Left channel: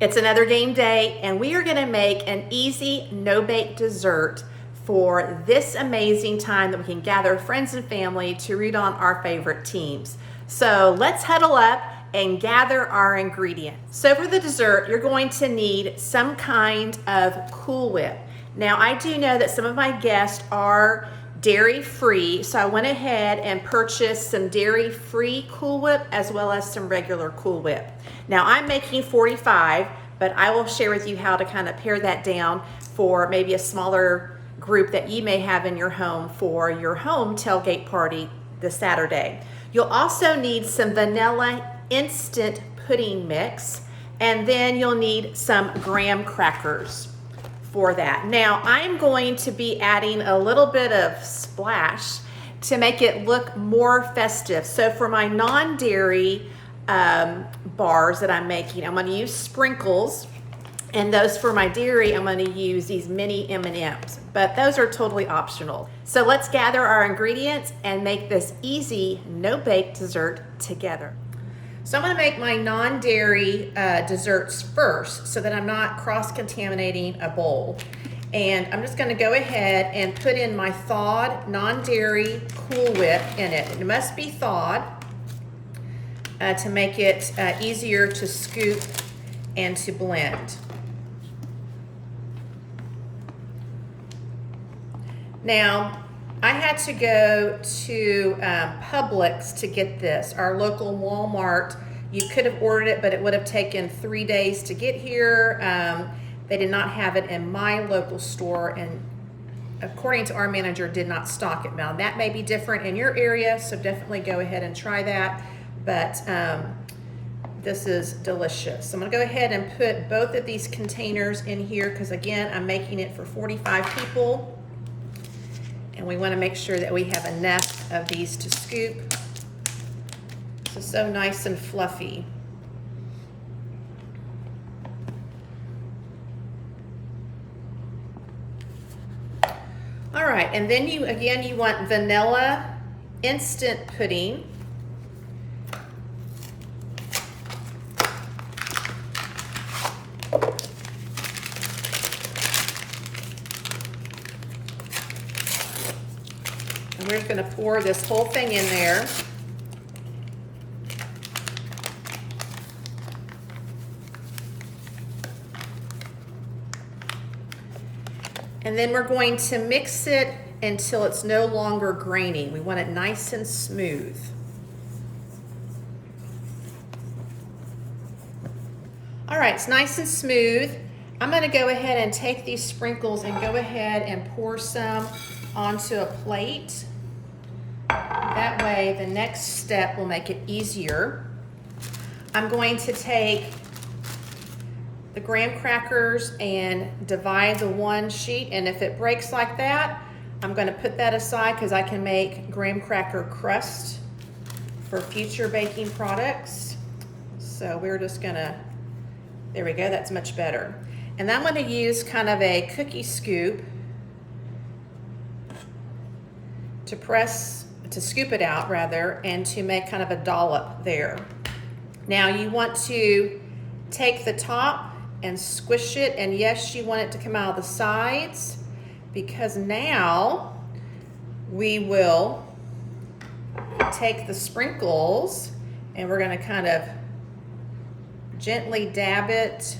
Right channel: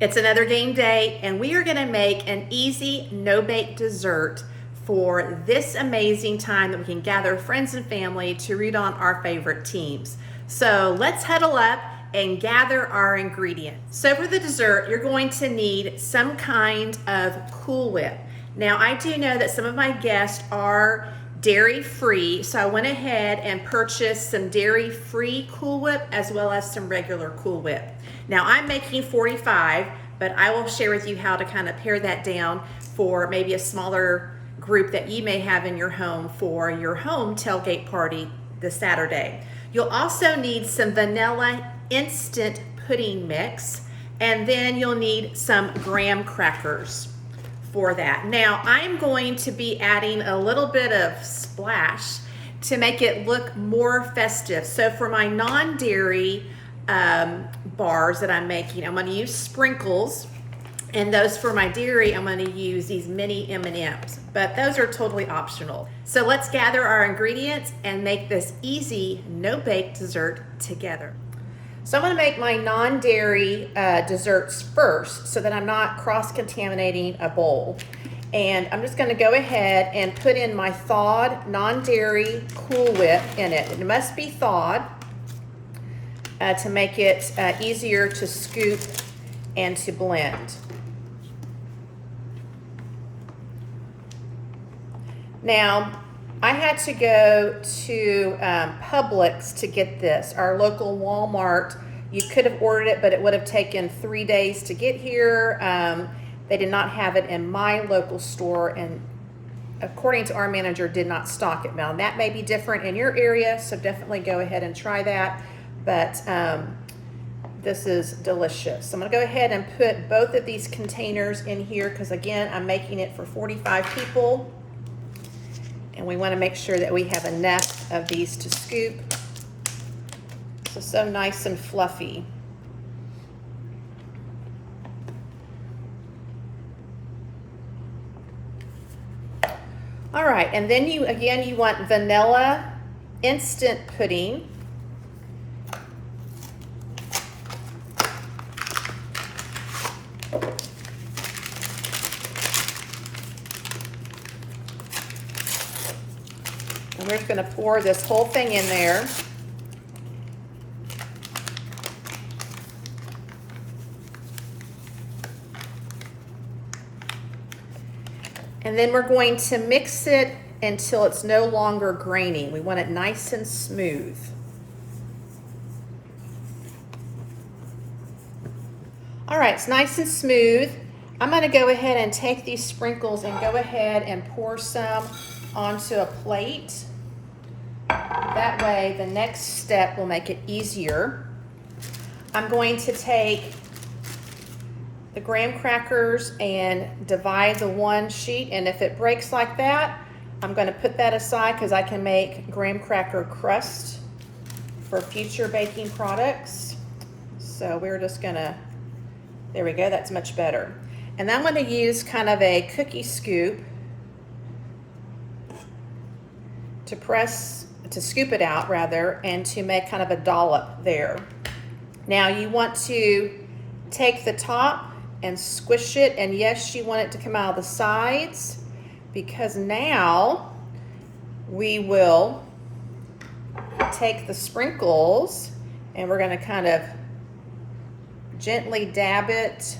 It's another game day, and we are gonna make an easy, no-bake dessert for this amazing time that we can gather friends and family to root on our favorite teams. So let's huddle up and gather our ingredients. So for the dessert, you're going to need some kind of Cool Whip. Now, I do know that some of my guests are dairy-free, so I went ahead and purchased some dairy-free Cool Whip as well as some regular Cool Whip. Now, I'm making 45, but I will share with you how to kind of pare that down for maybe a smaller group that you may have in your home for your home tailgate party this Saturday. You'll also need some vanilla instant pudding mix, and then you'll need some graham crackers for that. Now, I'm going to be adding a little bit of splash to make it look more festive. So for my non-dairy bars that I'm making, I'm going to use sprinkles, and those for my dairy, I'm going to use these mini M&Ms, but those are totally optional. So let's gather our ingredients and make this easy no-bake dessert together. So I'm going to make my non-dairy desserts first so that I'm not cross-contaminating a bowl. And I'm just going to go ahead and put in my thawed non-dairy Cool Whip in it. It must be thawed to make it easier to scoop and to blend. Now, I had to go to Publix to get this, our local Walmart. You could have ordered it, but it would have taken 3 days to get here. They did not have it in my local store, and according to our manager, did not stock it. Now, that may be different in your area, so definitely go ahead and try that. But this is delicious. So I'm gonna go ahead and put both of these containers in here because again, I'm making it for 45 people. And we wanna make sure that we have enough of these to scoop. So nice and fluffy. All right, and then you want vanilla instant pudding. And we're going to pour this whole thing in there. And then we're going to mix it until it's no longer grainy. We want it nice and smooth. All right, it's nice and smooth. I'm going to go ahead and take these sprinkles and go ahead and pour some onto a plate. That way, the next step will make it easier. I'm going to take the graham crackers and divide the one sheet, and if it breaks like that, I'm going to put that aside because I can make graham cracker crust for future baking products. So we're just going to, there we go, that's much better. And I'm going to use kind of a cookie scoop to scoop it out rather, and to make kind of a dollop there. Now you want to take the top and squish it, and yes, you want it to come out of the sides, because now we will take the sprinkles and we're going to kind of gently dab it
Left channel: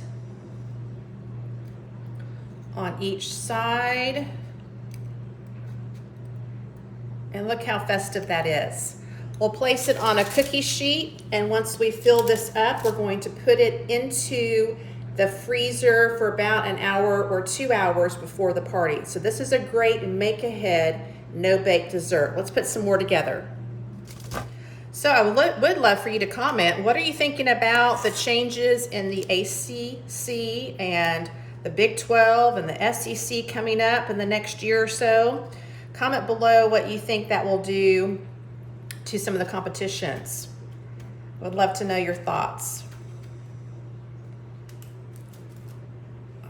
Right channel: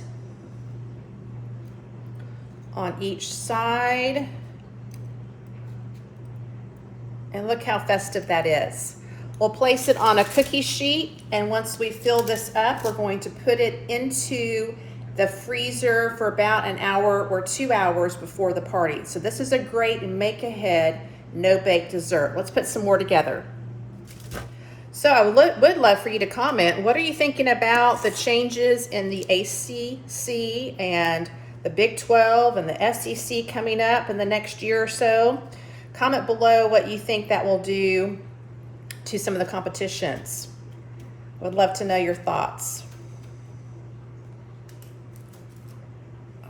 on each side. And look how festive that is. We'll place it on a cookie sheet, and once we fill this up, we're going to put it into the freezer for about an hour or 2 hours before the party. So this is a great make-ahead, no-bake dessert. Let's put some more together. So I would love for you to comment. What are you thinking about the changes in the ACC and the Big 12 and the SEC coming up in the next year or so? Comment below what you think that will do to some of the competitions. Would love to know your thoughts.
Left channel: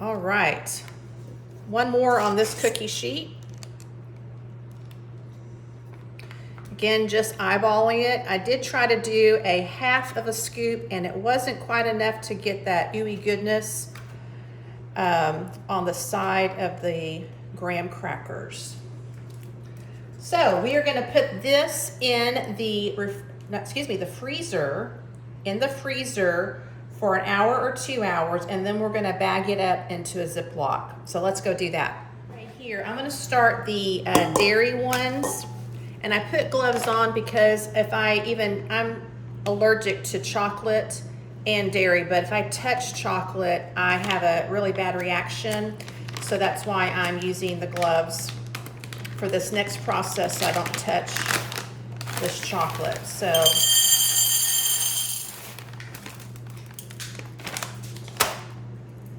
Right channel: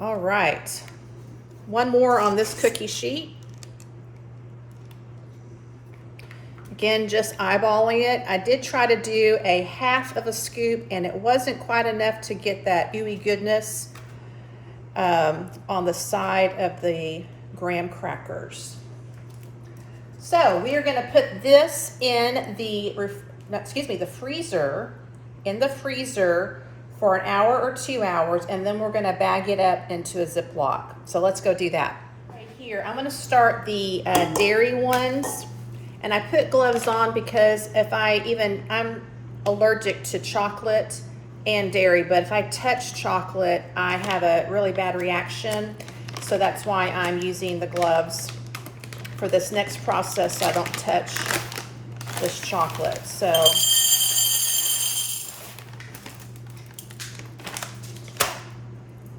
All right, one more on this cookie sheet. Again, just eyeballing it. I did try to do a half of a scoop and it wasn't quite enough to get that ooey goodness on the side of the graham crackers. So we are going to put this in the freezer, for an hour or 2 hours, and then we're going to bag it up into a Ziploc. So let's go do that. Right here, I'm going to start the dairy ones, and I put gloves on because I'm allergic to chocolate and dairy, but if I touch chocolate, I have a really bad reaction. So that's why I'm using the gloves for this next process so I don't touch this chocolate. So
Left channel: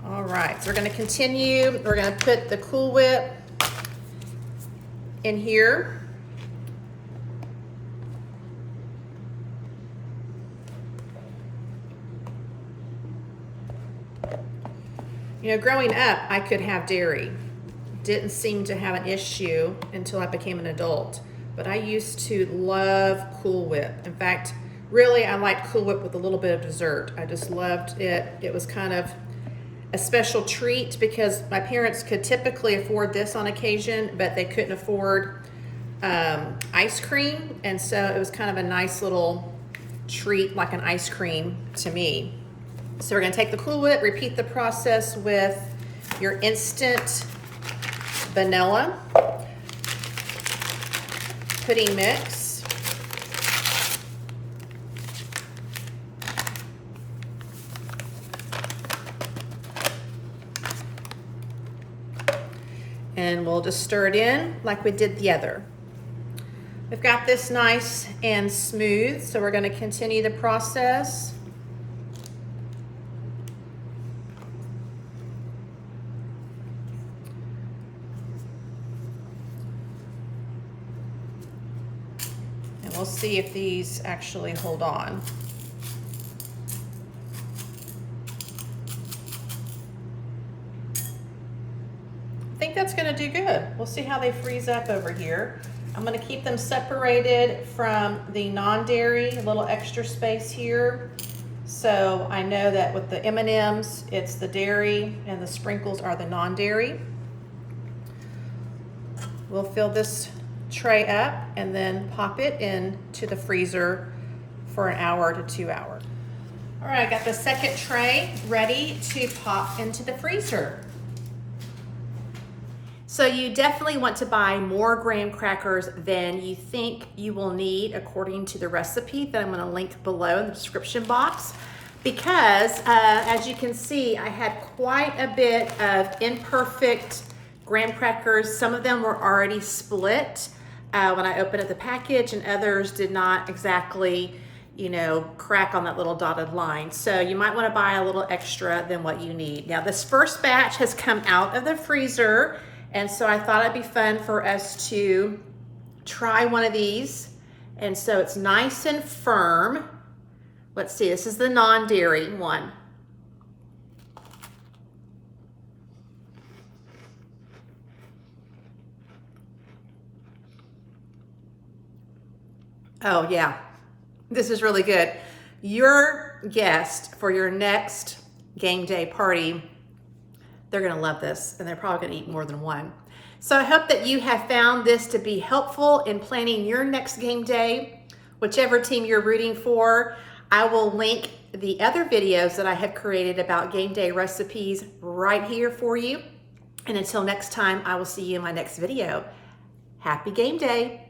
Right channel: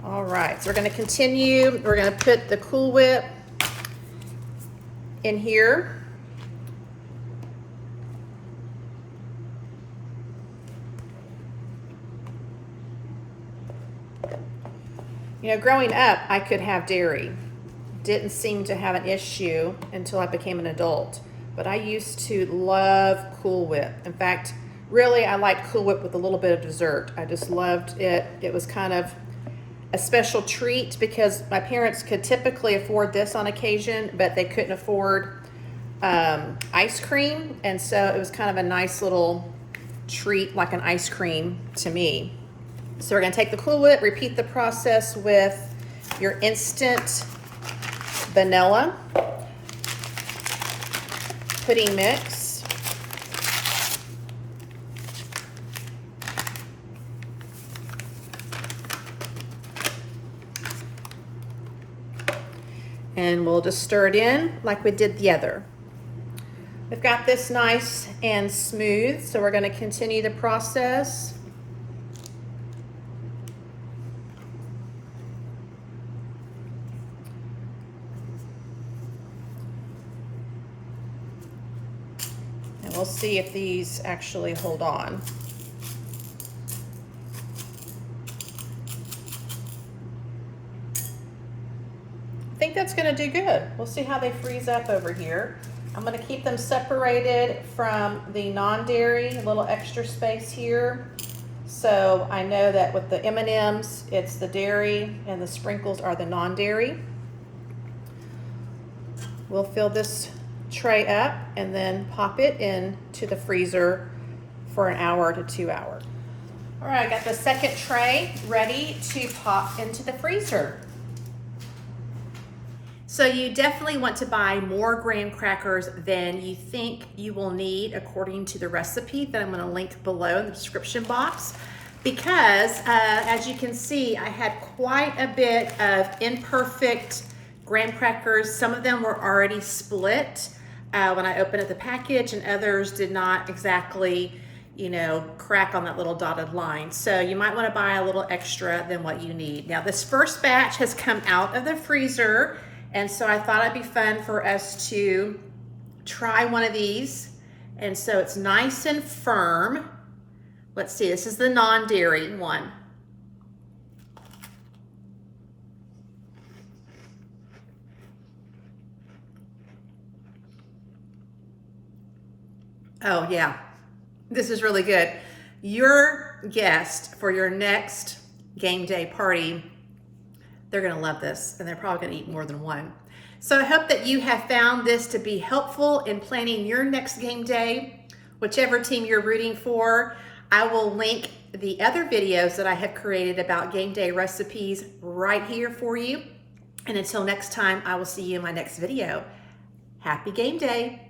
all right, so we're going to continue. We're going to put the Cool Whip in here. You know, growing up, I could have dairy. Didn't seem to have an issue until I became an adult. But I used to love Cool Whip. In fact, really, I liked Cool Whip with a little bit of dessert. I just loved it. It was kind of a special treat because my parents could typically afford this on occasion, but they couldn't afford ice cream. And so it was kind of a nice little treat, like an ice cream to me. So we're going to take the Cool Whip, repeat the process with your instant vanilla pudding mix. And we'll just stir it in like we did the other. We've got this nice and smooth, so we're going to continue the process. We'll see if these actually hold on. I think that's going to do good. We'll see how they freeze up over here. I'm going to keep them separated from the non-dairy, a little extra space here. So I know that with the M&Ms, it's the dairy and the sprinkles are the non-dairy. We'll fill this tray up and then pop it into the freezer for an hour to 2 hours. All right, I got the second tray ready to pop into the freezer. So you definitely want to buy more graham crackers than you think you will need according to the recipe that I'm going to link below in the description box, because as you can see, I had quite a bit of imperfect graham crackers. Some of them were already split when I opened up the package, and others did not exactly, crack on that little dotted line. So you might want to buy a little extra than what you need. Now this first batch has come out of the freezer, and so I thought it'd be fun for us to try one of these. And so it's nice and firm. Let's see, this is the non-dairy one. Oh yeah, this is really good. Your guest for your next game day party, they're gonna love this, and they're probably gonna eat more than one. So I hope that you have found this to be helpful in planning your next game day, whichever team you're rooting for. I will link the other videos that I have created about game day recipes right here for you. And until next time, I will see you in my next video. Happy game day.